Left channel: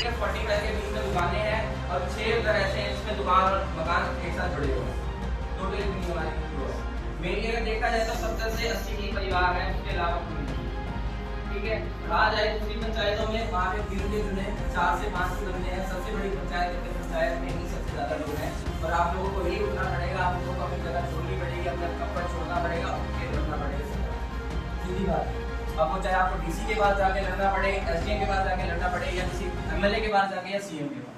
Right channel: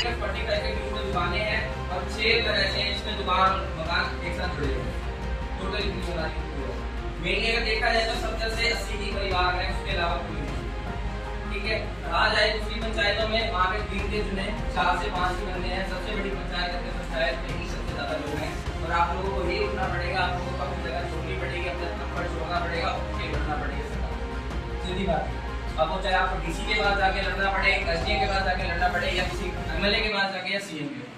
सिर्फ 45 के बीच में दुकानें हैं और 6 अगर ऐसे हैं जिसमें दुकान और मकान एक साथ जुड़े हुए हैं। टोटल कितनी होना मेनली अगर देखा जाए तो 70 से 80 ही परिवार हैं, उसके अलावा कोई नहीं। ठीक है, आ जाए दूसरी पंचायतों में, वहाँ पे दिन के जुने 4 से 5 ही बंदे हैं। सबसे बड़ी पंचायत है, पंचायत में ही सबसे ज्यादा लोग हैं और आप लोगों को यही उठना पड़ेगा, आप लोगों को अपनी जगह छोड़नी पड़ेगी, अपना कंफर्ट छोड़ना पड़ेगा, उठ के लड़ना पड़ेगा। सीधी बात है। अब वो चाहे आपको डीसी के पास जाके लड़ना पड़े, एसडीएम के पास जाके लड़ना पड़े या किसी एमएलए के पास जाके या सीएम के पास,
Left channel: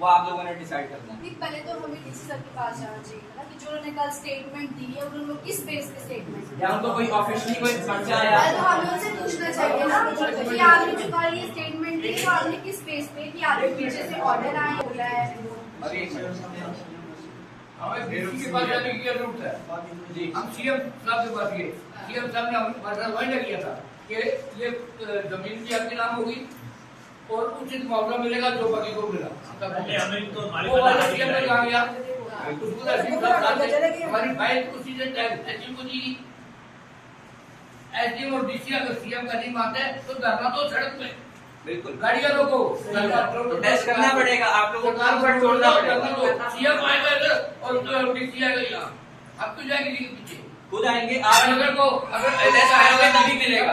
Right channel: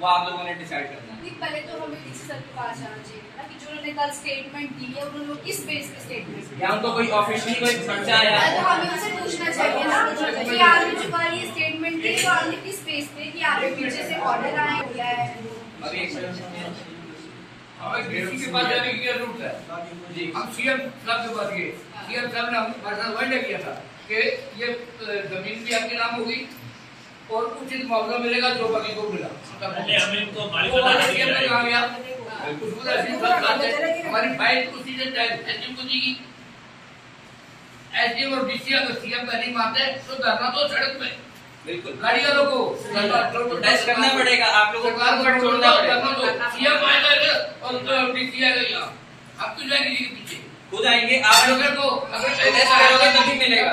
वो आप लोगों ने डिसाइड करना है। पहले तो हमें डीसी सर के पास जाना चाहिए ना कि जो उन्होंने कल स्टेटमेंट दी है उन्होंने किस बेस पे स्टेटमेंट दी, या उनको कोई ऑफिशियली कोई पर्चा आया तो हमें उनसे पूछना चाहिए ना कि आपने जो कल ये स्टेटमेंट दी तो आपने किस बेस पे कि आपके पीछे से ऑर्डर आया बोला है। अभी एक मिनट, हमें डीसी के पास जाने की क्या जरूरत है जी? हम सीएम साहब के पास गए, सीएम साहब ने हमारे वायदा किया था कि ये जमीन भी आपके नाम होगी और उचित मुआवजा मिलेगा जो बाकी को मिला। हमारी फाइल उसी से एसडीएम को दी, एसडीएम और डीसी अगर सीएम का नहीं मानते तो धरना तो सड़क पे बिल्कुल गाड़ी वालों को प्रोटेस्ट करना पड़ेगा, आप लोगों सरकार को छोड़ना पड़ेगा। सीएम आएगा और डीसी आएगा यहाँ, अब तो जाएगी जी के पीछे खुद आएंगे। आप अगर को अगर प्रोटेस्ट करोगे तभी मिलेगा,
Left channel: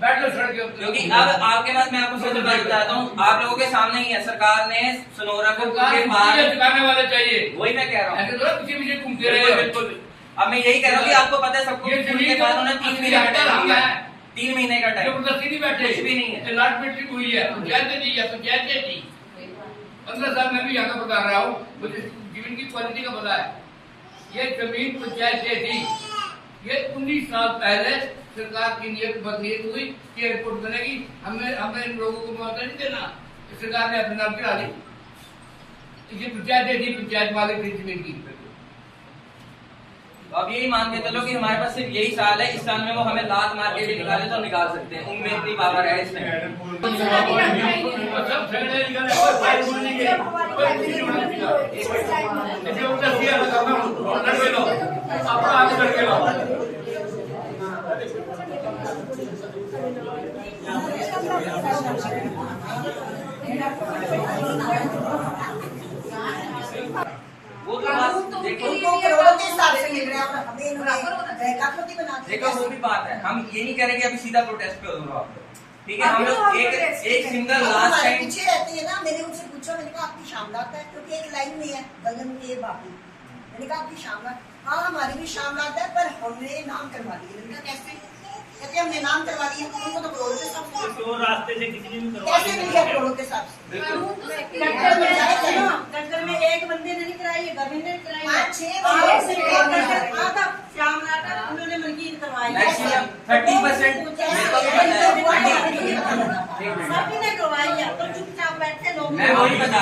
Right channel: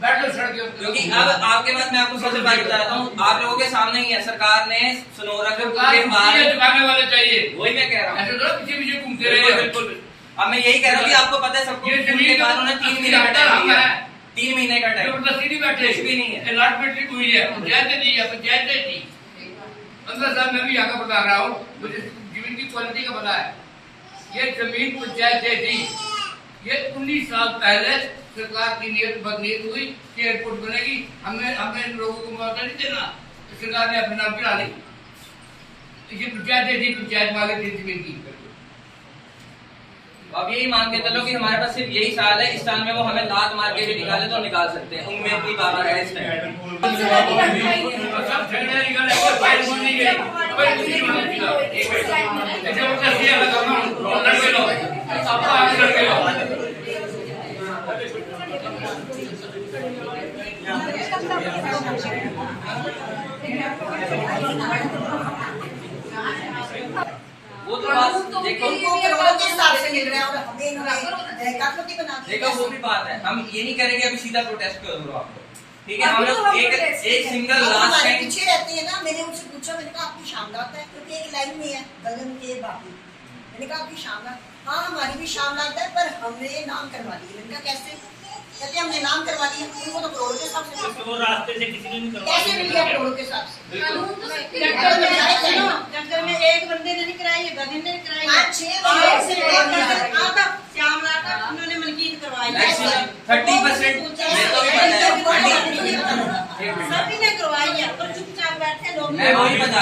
बैठ लो सड़क के क्योंकि अब आपके पास मैं आपको सबसे बात बताता हूँ, आप लोगों के सामने ही है, सरकार ने सनोरा को चुकाने वाले चाहिए, वही मैं कह रहा हूँ। ऐसे तो पीछे पीछे घूमते रहे। बिल्कुल, अब मैं यही कह रहा हूँ कि आपको पता है सबको, ये जमीन बाद उन्होंने 3 महीने का टाइम दिया, 3 महीने का टाइम, जबरदस्ती नहीं बैठे, कुछ भी नहीं है। अलॉटमेंट हुई है, पंचायत दी है, पंचायत ने दी। 15 साल मैं भी यहाँ का बता रहा हूँ, मुझे जमीन की क्वालिटी का पता है। ये जमीन पंचायत ने दी, ये 19 साल पहले सरकार की नीयत बदनीयत हुई कि एयरपोर्ट बनेगी, हमने इन लोगों को मुआवजा नहीं देना, सरकार ने अपने नाम करा ली। ये पंचायत ने दी, पंचायत मालिक थी जमीन की। अब यही मान के चलो कि हमारे पास सिर्फ यही साल है, इस साल में वो हमें लात मार के भी निकाले तो निकाल सकते हैं, उनमें इतनी पावर है इस टाइम। सब झगड़े निकल रहे हैं, फाइल बन नहीं गई, कोई कुछ नहीं बना। जबरदस्ती है ना, लड़के लो, अपना आगे लड़के लो। वो तो बात देखो, करोड़ों के हिसाब से मिल रहा है और हमें इन्होंने काटपट्टी बना दी। देखो वो भी बात है, हम ये नहीं करेंगे अभी सीधा प्रोटेस्ट क्यों करो आप लोग, ठीक है? हम लोग एक सिंगल लास्ट टाइम पीछे रहती है ना, मैंने उनसे पूछा, मैंने कहा आपकी शामलात है क्योंकि एक लाइन में है गगन के बाकी, मैंने कहा आपकी शामलात, हाँ हमारी भी शामलात है पर हमने नाम करवा दिए। मैंने कहा कैसे? कहते हमने नाम करवा दिए, उनको तो करोड़ों के हिसाब से, तो रास्ते से किसी ने नहीं करवाया, कैसे मिल गया करोड़ों के हिसाब से? टक्कर में एक बंदे ने नहीं कराई, गगन ने कराई, 5-6 श्यामला का उन्होंने मलकीत करवाई, मैक्सिमम 30% सभी ने करवाई है, पर चुपचाप बैठे लोग। मैं वही बता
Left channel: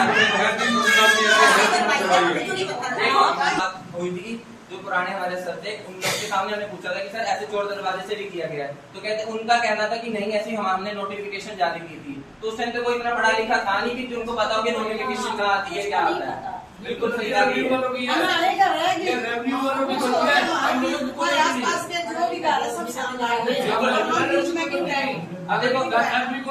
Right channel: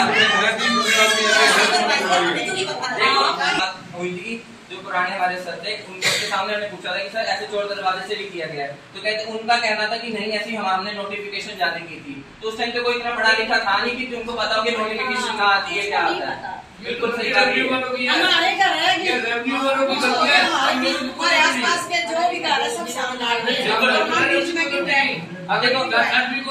हुई थी जो पुराने वाले सर थे, उनके सामने हमने पूछा था कि सर ऐसे चोर दरवाजे से भी किया गया है, तो कहते उनका कहना था कि नहीं ऐसी हमने नोटिफिकेशन जारी की थी। तो उस टाइम पे कोई इतना पढ़ा लिखा था नहीं कि उनको पता हो कि नोटिफिकेशन कहाँ आती है, क्या आता है। बिल्कुल सही बात है। हमारे घर है कि रेवेन्यू वालों की गलती है, हम लोग को हमारे आसपास के जो भी घर है सब सामने आ गए, बिल्कुल। हम बीच में क्यों रहे? अब देखो आदमी को